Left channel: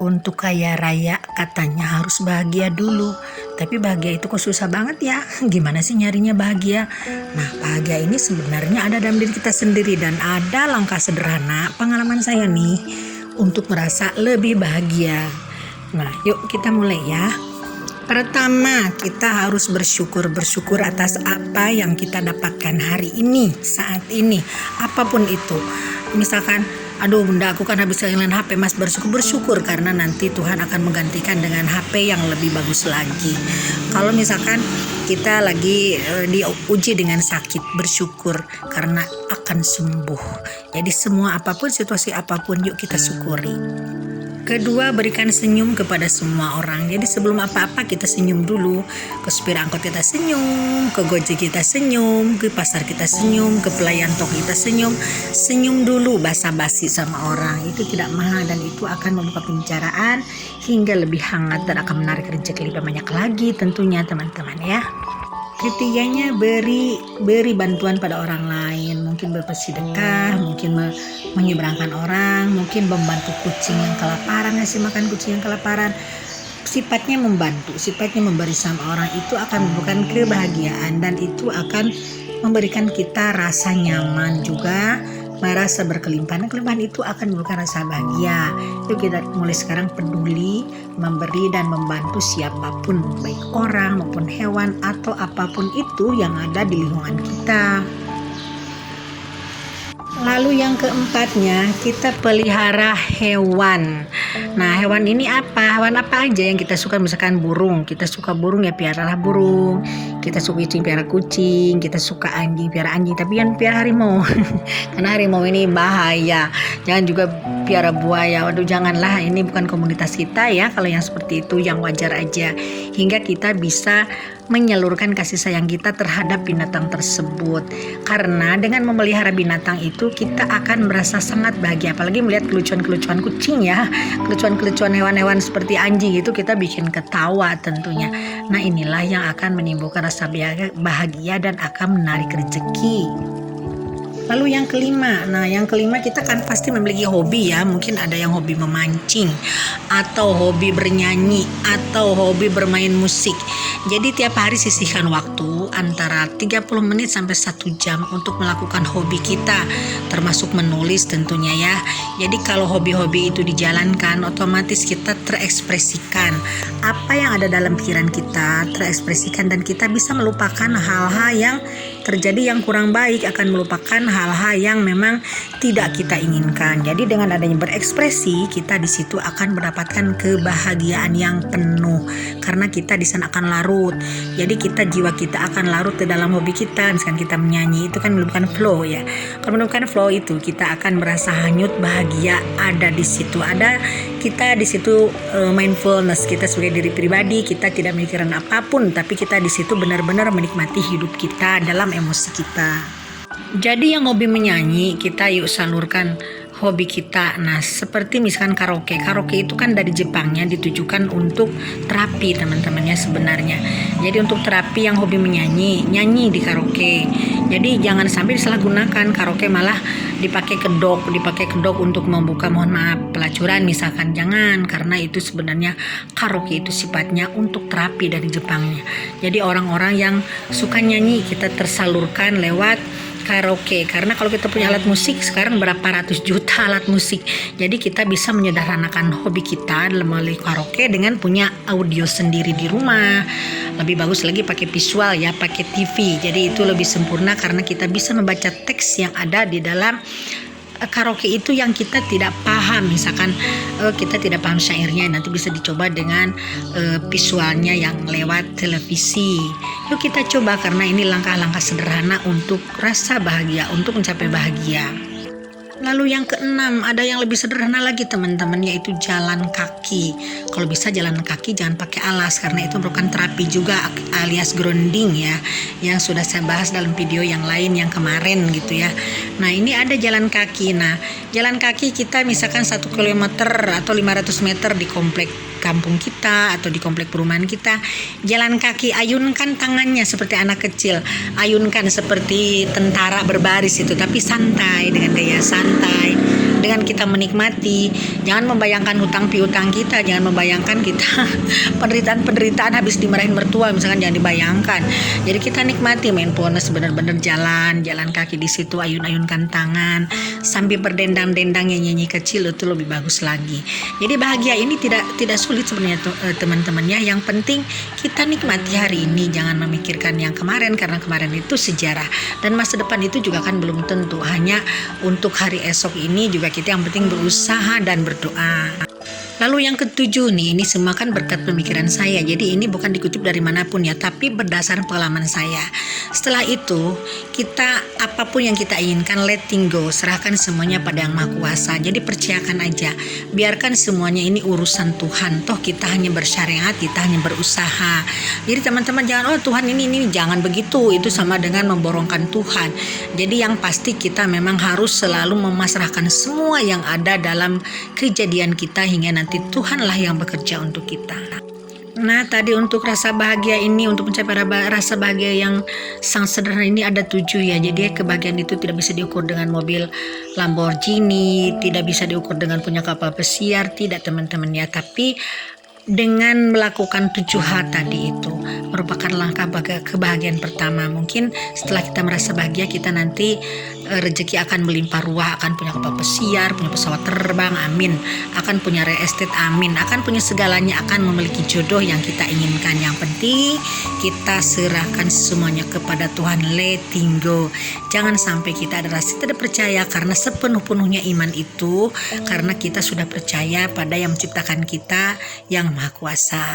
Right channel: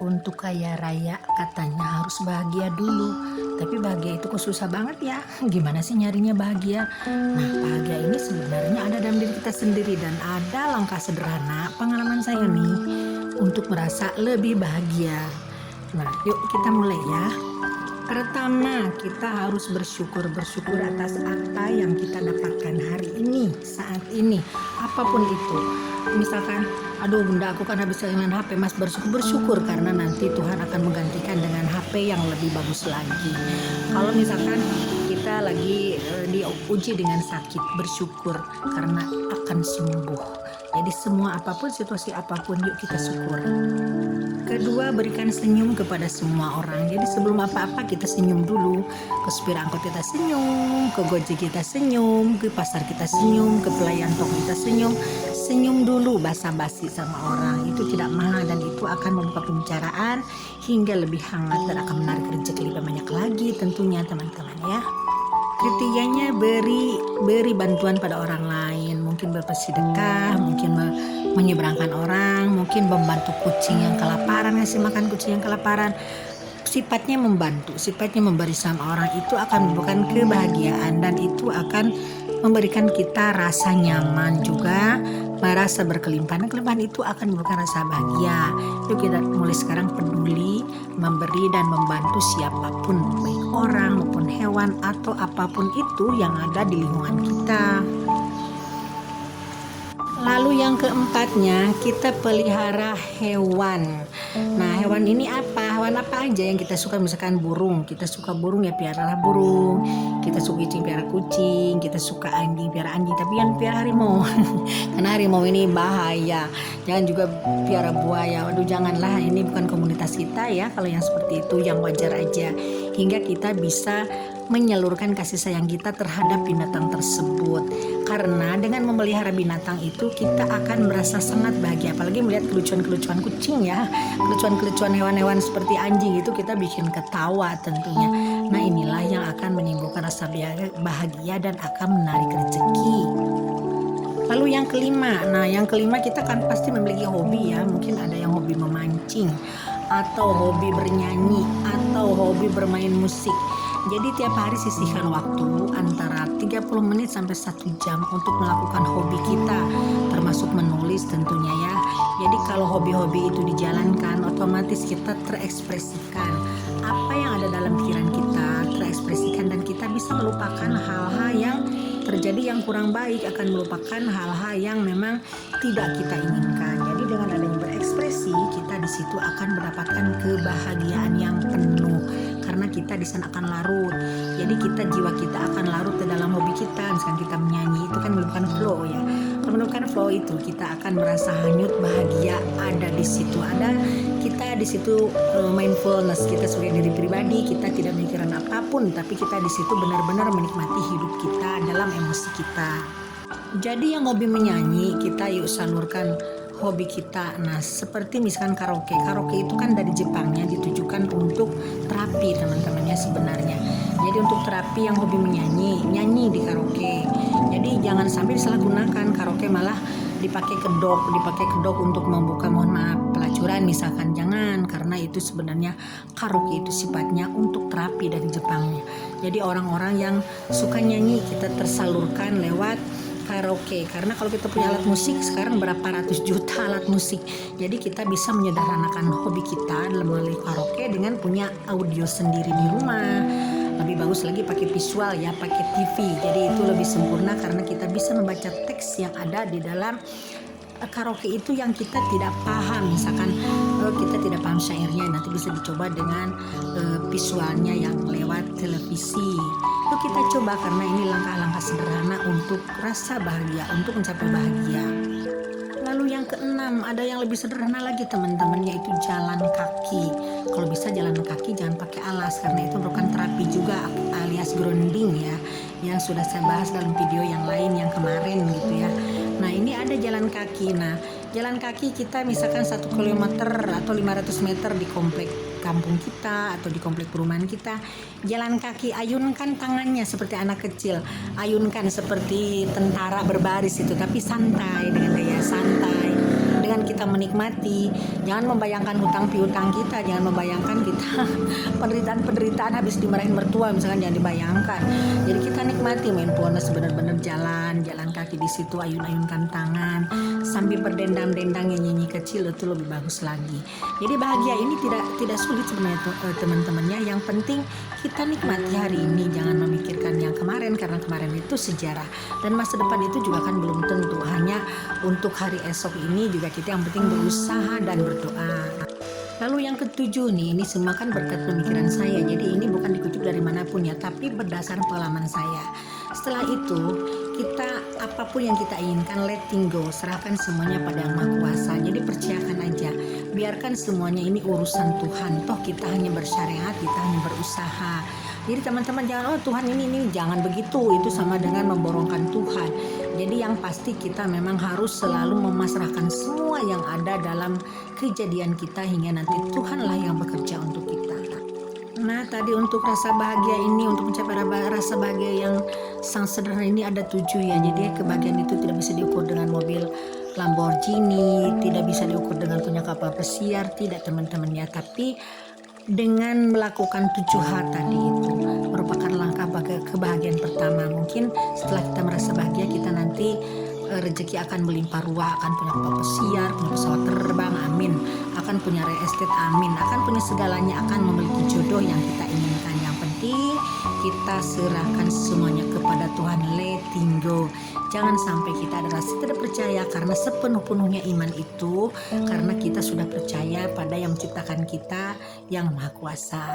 Untuk kaya raya katanya harus bahagia dulu. Tapi bahagia itu kok susah banget ya. Gimana sih nyarinya bahagia? Nah, bahagia ini sebenarnya ada dalam diri kita sendiri. Dan ada langkah sederhana pengalaman saya nih untuk merasa lebih bahagia. Nah, yuk kita mulai ya. Pertama, kita harus bersyukur atas apa yang kita dapatkan hari ini, saat ini, apapun itu. Misalkan, aduh bunda aku kan habis kehilangan HP, mas bersyukur karena nanti Tuhan akan menggantikan dengan HP yang lebih bagus lagi. Kalau misalkan kita lagi diuji dengan sakit, bersyukur karena akan sembuh. Jadi semua apapun, situasi apapun, yuk kita syukuri. Kedua, berikan senyum kepada semua orang. Jadi sebelum apa-apa kita senyum dulu. Ke supir angkot kita senyum, ke Gojek kita senyum, ke pasar kita senyum, ke pelayan toko kita senyum. Senyum dulu, basa-basi sama orang. Itu tidak mahal dan itu akan membuka pembicaraan hingga lebih hangat dan akan menarik rezeki lebih banyak lagi tentunya teman-teman ya. Ketiganya, beri bantuan pada orang lain, mungkin bersedekah, mungkin menyeberangkan orang, mungkin membantu kucing yang kelaparan, ngasih makan kucing yang kelaparan. Sifatnya membantu, sifatnya memberi sama orang itu akan memberikan kebahagiaan dan itu akan memberikan kita rasa nyaman juga, merasa berkelimpahan. Kelimpahan itu akan memberikan rasa bahagia. Itu kita mulai sekarang peduli, memberi dan membantu siapapun, baik orang maupun hewan atau apapun itu yang ada di lingkungan kita. Lalu yang keempatnya, kita pelihara hewan. Nah, hewan ini apa? Hewan apa aja yang kita suka? Misalkan burung, kita suka burung ya piaralah burung. Kita suka kucing, piara kucing. Kita suka anjing, piara anjing. Tapi yang piara harimau. Karena harimau ini bahaya. Jangan juga piara buaya. Waduh, janganlah. Ini bukan komunitas kita ya. Kalau yang seperti itu, yang wajar aja. Hingga kita bisa menyalurkan kasih sayang kita terhadap binatang tersebut. Karena dengan memelihara binatang itu kita akan merasa sangat bahagia. Apalagi melihat kelucuan-kelucuan kucing ya, kelucuan-kelucuan hewan-hewan seperti anjing itu kita bikin ketawa tentunya. Nah, inilah yang akan menimbulkan rasa bahagia dan akan menarik rezeki. Lalu yang kelima kita kan pasti memiliki hobi ya. Mungkin ada yang hobi memancing, atau hobi bernyanyi, atau hobi bermain musik. Jadi tiap hari sisihkan waktu antara 30 menit sampai 1 jam untuk melakukan hobi kita, termasuk menulis tentunya ya. Jadi kalau hobi-hobi itu dijalankan, otomatis kita terekspresikan apa yang ada dalam pikiran kita, terekspresikan dan kita bisa melupakan hal-hal yang terjadi yang kurang baik, akan melupakan hal-hal yang memang tidak kita inginkan. Jadi dengan adanya berekspresi, kita di situ akan mendapatkan kebahagiaan yang penuh karena kita di sana akan larut. Jadi jiwa kita akan larut ke dalam hobi kita. Misalkan kita menyanyi, itu kan menemukan flow ya. Kalau menemukan flow itu kita akan merasa hanyut, bahagia ada di situ. Ada kita di situ mindfulness, kita sebagai diri pribadi, kita tidak memikirkan apapun, tapi kita di situ benar-benar menikmati hidup kita dalam emosi kita. Jadi yang hobi menyanyi, kita yuk salurkan hobi kita. Nah, seperti misalkan karaoke itu kan dari Jepangnya ditujukan untuk terapi teman-teman ya sebenarnya. Jadi untuk terapi yang hobi menyanyi, nyanyi di karaoke. Jadi jangan sampai disalahgunakan karaoke malah dipakai kedok untuk membuka, mohon maaf, pelacuran misalkan. Jangan, karena itu sebenarnya karaoke itu sifatnya untuk terapi dari Jepangnya. Jadi orang-orang yang suka nyanyi kita tersalurkan lewat karaoke, karena kalau kita punya alat musik sekarang berapa ratus juta alat musik, jadi kita bisa menyederhanakan hobi kita melalui karaoke dengan punya audio sendiri di rumah. Lebih bagus lagi pakai visual ya, pakai TV, jadi itu lebih sempurna karena kita bisa membaca teks yang ada di dalam karaoke itu yang kita tidak paham. Misalkan kita tidak paham syairnya, nanti bisa dicoba dengan visualnya yang lewat televisi. Yuk kita coba, karena ini langkah-langkah sederhana untuk rasa bahagia, untuk mencapai bahagia. Lalu yang keenam, ada yang lebih sederhana lagi teman-teman, yaitu jalan kaki. Kalau bisa jalan kaki jangan pakai alas, karena itu merupakan terapi juga alias grounding ya, yang sudah saya bahas dalam video yang lain yang kemarin gitu ya. Nah, ini ada jalan kaki. Nah, jalan kaki kita misalkan 1 kilometer atau 500 meter di komplek kampung kita atau di komplek perumahan kita, jalan kaki, ayunkan tangannya seperti anak kecil, ayunkan seperti tentara berbaris itu, tapi santai, dengan gaya santai, dengan kita menikmati. Jangan membayangkan hutang piutang kita, jangan membayangkan kita penderitaan habis dimarahin mertua, misalkan, jangan dibayangkan. Jadi kita nikmati mindfulness, benar-benar jalan kaki di situ, ayun-ayunkan tangan sambil berdendang-dendang, nyanyi kecil, itu lebih bagus lagi. Jadi bahagia ini tidak sulit sebenarnya teman-teman ya. Yang penting kita nikmati hari ini, jangan memikirkan yang kemarin, karena kemarin itu sejarah dan masa depan itu juga kan belum tentu. Hanya untuk hari esok ini juga kita yang penting berusaha dan berdoa. Lalu yang ketujuh nih, ini semua kan berkat pemikiran saya. Jadi ini bukan dikutip dari manapun ya, tapi berdasar pengalaman saya. Setelah itu, kita apapun yang kita inginkan, letting go, serahkan semuanya pada Yang Maha Kuasa. Jadi percayakan aja, biarkan semuanya ini urusan Tuhan. Toh kita hanya bersyariat, kita hanya berusaha. Jadi teman-teman jangan, oh Tuhan ini jangan begitu. Itu sama dengan memborongkan Tuhan. Jadi yang pasti kita memang harus selalu memasrahkan semua yang ada dalam kejadian kita, hingga nanti Tuhanlah yang bekerja untuk kita. Nah, tadi untuk rasa bahagia ini, untuk mencapai rasa bahagia yang sangat sederhana ini ada 7 ya. Jadi kebahagiaan itu tidak bisa diukur dengan mobil Lamborghini, tidak bisa diukur dengan punya kapal pesiar, tidak teman-teman ya. Tapi dengan melakukan 7 hal tadi itu merupakan langkah kebahagiaan pertama. Mungkin setelah kita merasa bahagia, kita nanti rezeki akan melimpah ruah, akan punya kapal pesiar, punya pesawat terbang, amin, akan punya real estate, amin, akan punya segalanya, akan memiliki jodoh yang kita inginkan. Yang penting kita serahkan semuanya kepada Tuhan, letting go. Jangan sampai kita ada rasa tidak percaya, karena sepenuh-penuhnya iman itu karena kita sudah percaya pada yang menciptakan kita, Yang Maha Kuasa.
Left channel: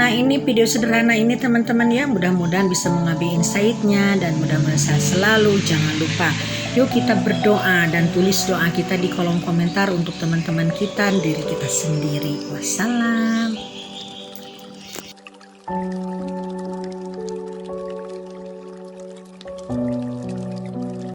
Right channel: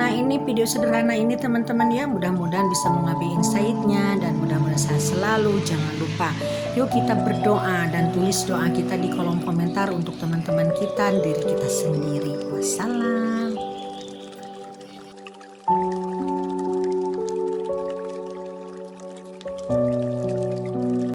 Nah, ini video sederhana ini teman-teman ya, mudah-mudahan bisa mengambil insight-nya, dan mudah-mudahan selalu jangan lupa yuk kita berdoa dan tulis doa kita di kolom komentar untuk teman-teman kita, diri kita sendiri. Wassalam.